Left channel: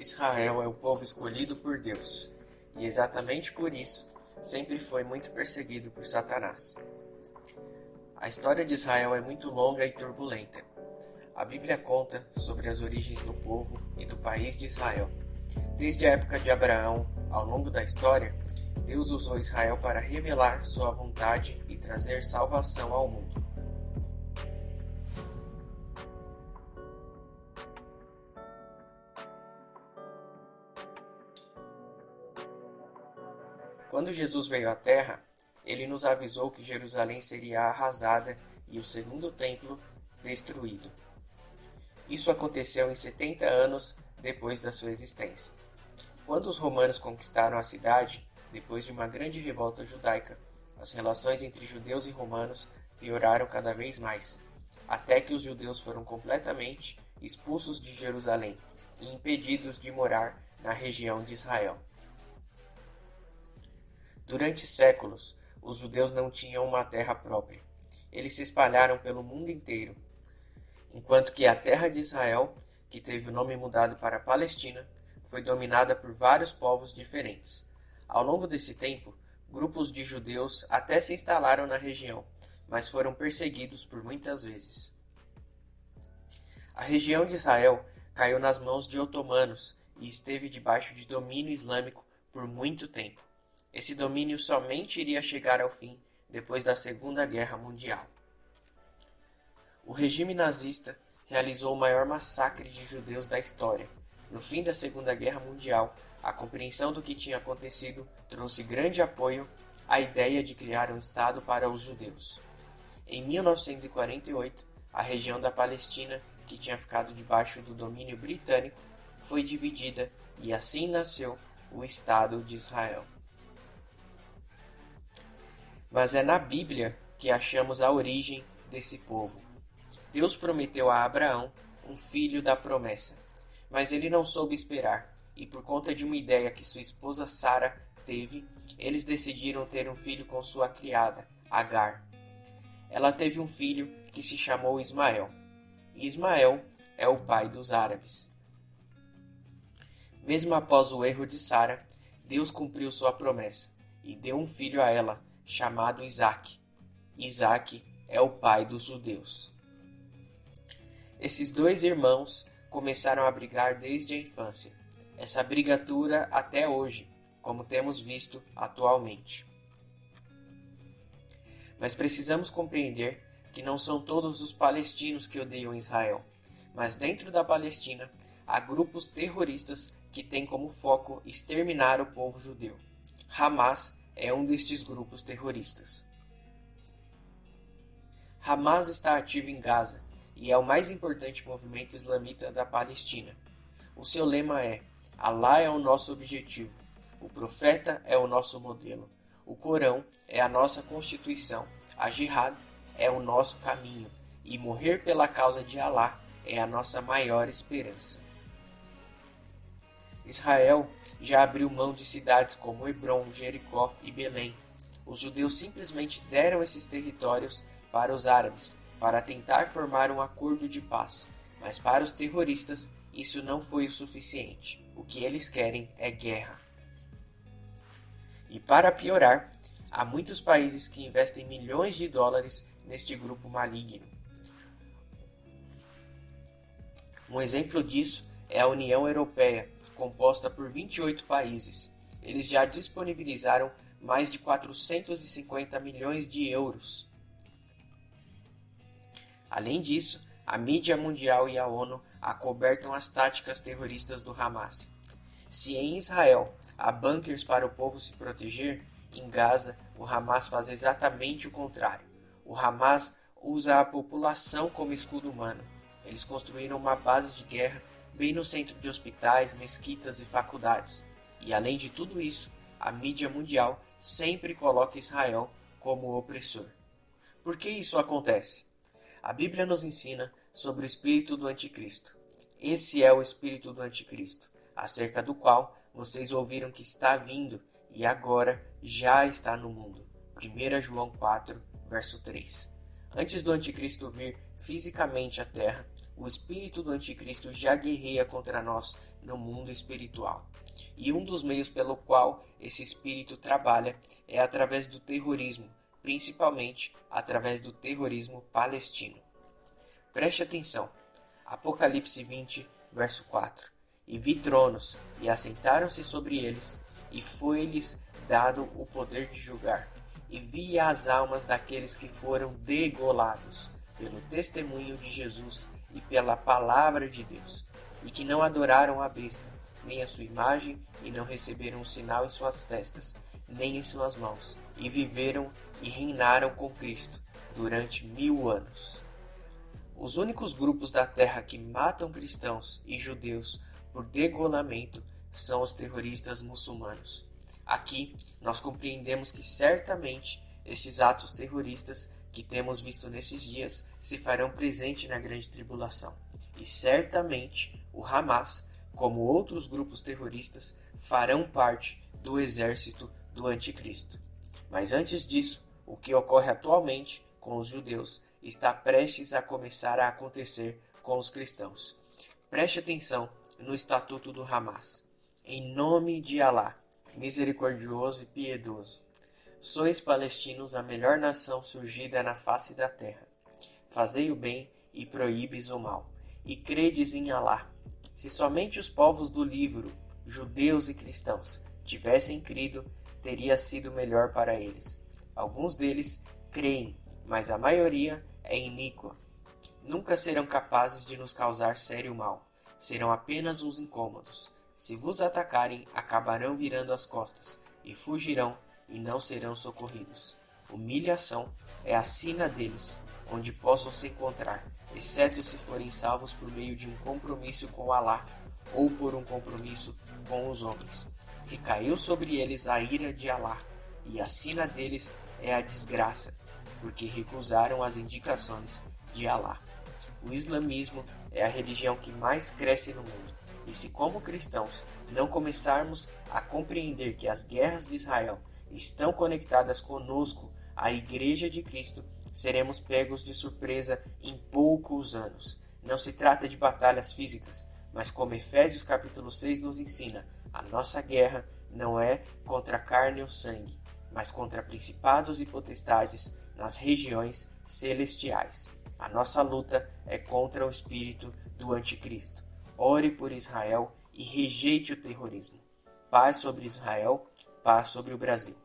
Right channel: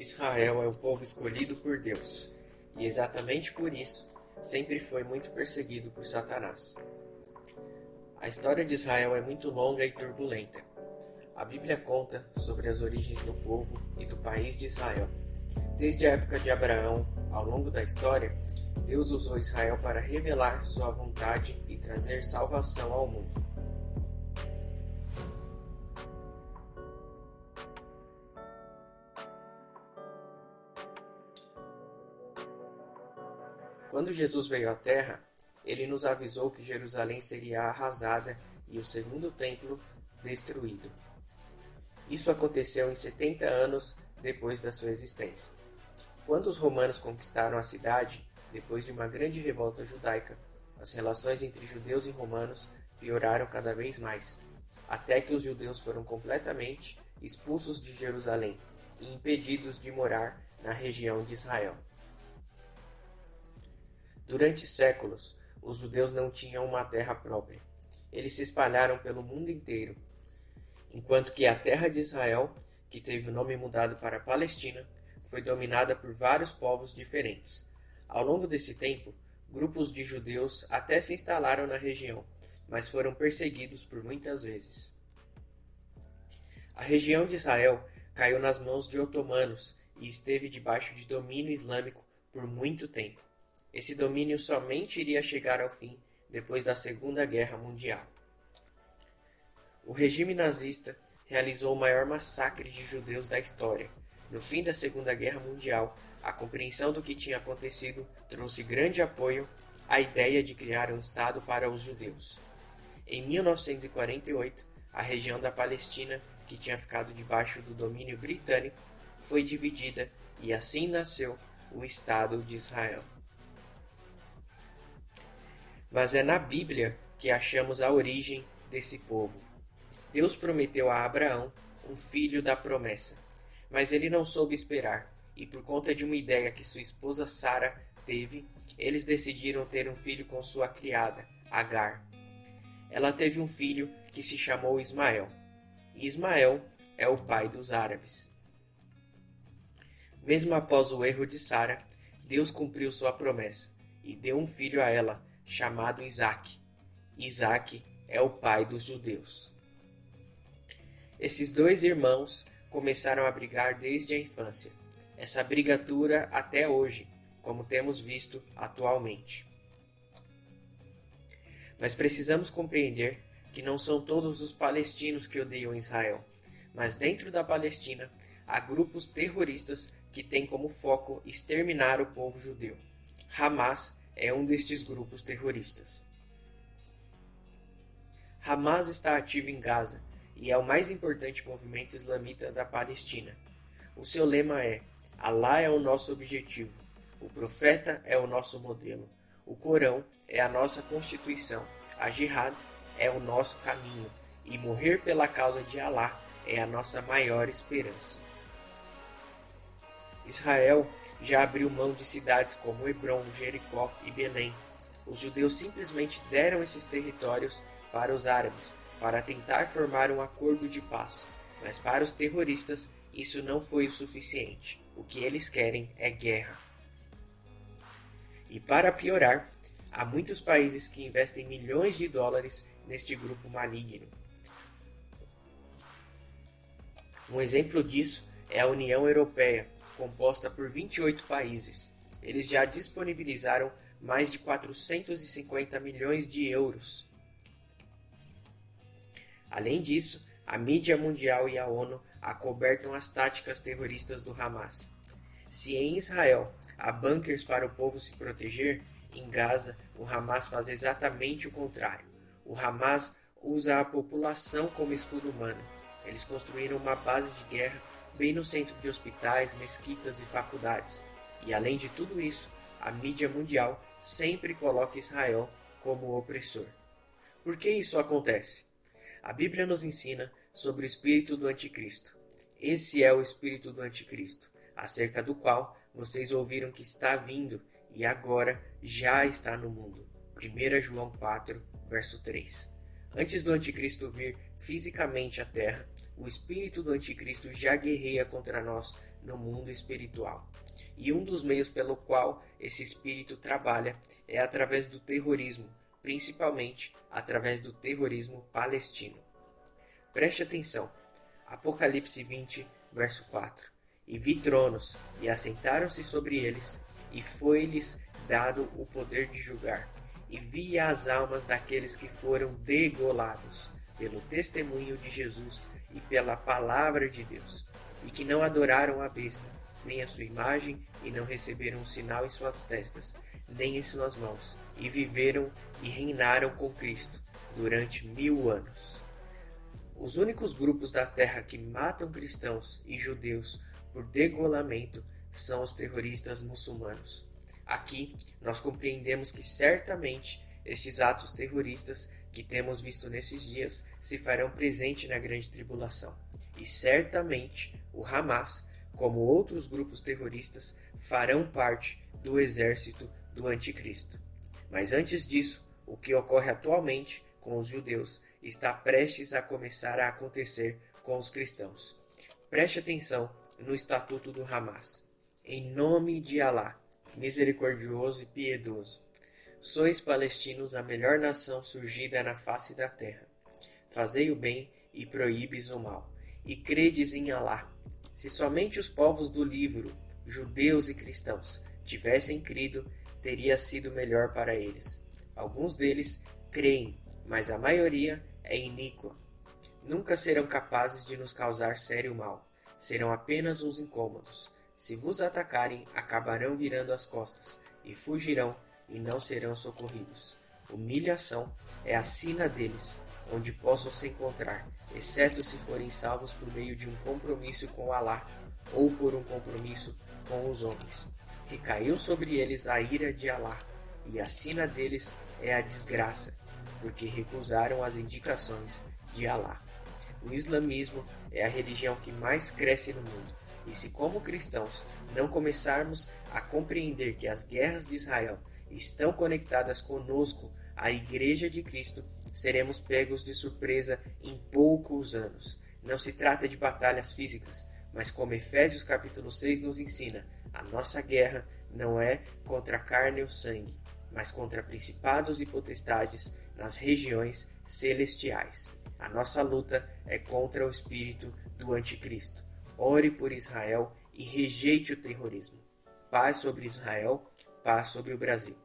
Israel é o povo escolhido por Deus, e exatamente por isso sempre foi muito perseguido por Satanás. A história de Israel é muito longa e turbulenta. A Bíblia conta sobre as origens do povo e do país de Israel. Desde a época de Abraão, ao longo da história, Deus usou Israel para revelar sua vontade e trazer salvação ao mundo. Quando Jesus veio à Terra, ele nos avisou que Jerusalém seria arrasada e o segundo templo destruído. Isso aconteceu em 70 anos depois da sua existência. Quando os romanos conquistaram a cidade, depois de uma grande revolta judaica, as relações entre judeus e romanos pioraram cada vez mais, até que os judeus foram completamente expulsos de Jerusalém e impedidos de morar na região de Israel. Durante séculos, os judeus não tinham uma terra própria. Eles se espalharam pelo mundo inteiro, enquanto que a terra de Israel, que teve o nome mudado para Palestina, foi dominada por vários povos diferentes. Ao longo desse tempo, grupos de judeus até se instalaram na região, mas foram perseguidos por muitas vezes. A região de Israel caiu nas mãos de otomanos e esteve debaixo de domínio islâmico por muito tempo. Esse domínio somente iria chegar ao fim depois da Segunda Guerra Mundial. O regime nazista realizou o maior massacre de judeus da história. No fim da Segunda Guerra Mundial, a compreensão do que tinha acontecido trouxe grande apoio à ideia de criar um Estado para os judeus. Em 1948, a região da Palestina, que tinha ficado debaixo do domínio britânico, foi dividida e assim nasceu o Estado de Israel. Mas é na Bíblia que achamos a origem desse povo. Deus prometeu a Abraão um filho da promessa, mas ele não soube esperar, e por conta de uma ideia que sua esposa Sara teve, eles decidiram ter um filho com sua criada, Agar. Ela teve um filho que se chamou Ismael, e Ismael é o pai dos árabes. Mesmo após o erro de Sara, Deus cumpriu sua promessa e deu um filho a ela, chamado Isaque. Isaque é o pai dos judeus. Esses dois irmãos começaram a brigar desde a infância. Essa briga dura até hoje, como temos visto atualmente. Mas precisamos compreender que não são todos os palestinos que odeiam Israel, mas dentro da Palestina há grupos terroristas que têm como foco exterminar o povo judeu. Hamas é um destes grupos terroristas. Hamas está ativo em Gaza e é o mais importante movimento islamita da Palestina. O seu lema é: Alá é o nosso objetivo, o profeta é o nosso modelo, o Corão é a nossa constituição, a Jihad é o nosso caminho e morrer pela causa de Alá é a nossa maior esperança. Israel já abriu mão de cidades como Hebrom, Jericó e Belém. Os judeus simplesmente deram esses territórios para os árabes, para tentar formar um acordo de paz. Mas para os terroristas, isso não foi o suficiente. O que eles querem é guerra. E para piorar, há muitos países que investem milhões de dólares neste grupo maligno. Um exemplo disso é a União Europeia, composta por 28 países. Eles já disponibilizaram mais de 450 milhões de euros. Além disso, a mídia mundial e a ONU acobertam as táticas terroristas do Hamas. Se em Israel há bunkers para o povo se proteger, em Gaza o Hamas faz exatamente o contrário. O Hamas usa a população como escudo humano. Eles construíram uma base de guerra bem no centro de hospitais, mesquitas e faculdades. E além de tudo isso, a mídia mundial sempre coloca Israel como opressor. Por que isso acontece? A Bíblia nos ensina sobre o espírito do anticristo. Esse é o espírito do anticristo, acerca do qual vocês ouviram que está vindo e agora já está no mundo. 1 João 4, verso 3. Antes do anticristo vir fisicamente à terra, o espírito do anticristo já guerreia contra nós no mundo espiritual. E um dos meios pelo qual esse espírito trabalha é através do terrorismo, principalmente através do terrorismo palestino. Preste atenção. Apocalipse 20, verso 4. E vi tronos, e assentaram-se sobre eles, e foi-lhes dado o poder de julgar. E vi as almas daqueles que foram degolados pelo testemunho de Jesus e pela palavra de Deus, e que não adoraram a besta, nem a sua imagem, e não receberam um sinal em suas testas, nem em suas mãos, e viveram e reinaram com Cristo durante 1000 anos. Os únicos grupos da terra que matam cristãos e judeus por degolamento são os terroristas muçulmanos. Aqui nós compreendemos que certamente estes atos terroristas que temos visto nesses dias se farão presente na grande tribulação. E certamente o Hamas, como outros grupos terroristas, farão parte do exército do anticristo. Mas antes disso, o que ocorre atualmente com os judeus está prestes a começar a acontecer com os cristãos. Preste atenção no estatuto do Hamas. Em nome de Alá, misericordioso e piedoso, sois palestinos a melhor nação surgida na face da terra. Fazei o bem e proíbes o mal, e credes em Alá. Se somente os povos do livro, judeus e cristãos, tivessem crido, teria sido melhor para eles. Alguns deles creem, mas a maioria é iníqua. Nunca serão capazes de nos causar sério mal. Serão apenas uns incômodos. Se vos atacarem, acabarão virando as costas, e fugirão, e não serão socorridos. Humilhação é a sina deles, onde possam se encontrar, exceto se forem salvos por meio de um compromisso com Alá, ou por um compromisso com os homens. Recaiu sobre eles a ira de Alá, e a sina deles é a desgraça, porque recusaram as indicações de Alá. O islamismo é a religião que mais cresce no mundo, e se como cristãos não começarmos a compreender que as guerras de Israel estão conectadas conosco, a Igreja de Cristo, seremos pegos de surpresa em poucos anos. Não se trata de batalhas físicas, mas como Efésios capítulo 6 nos ensina, a nossa guerra não é contra a carne ou sangue, mas contra principados e potestades nas regiões celestiais. A nossa luta é contra o espírito do anticristo. Ore por Israel e rejeite o terrorismo. Paz sobre Israel, paz sobre o Brasil.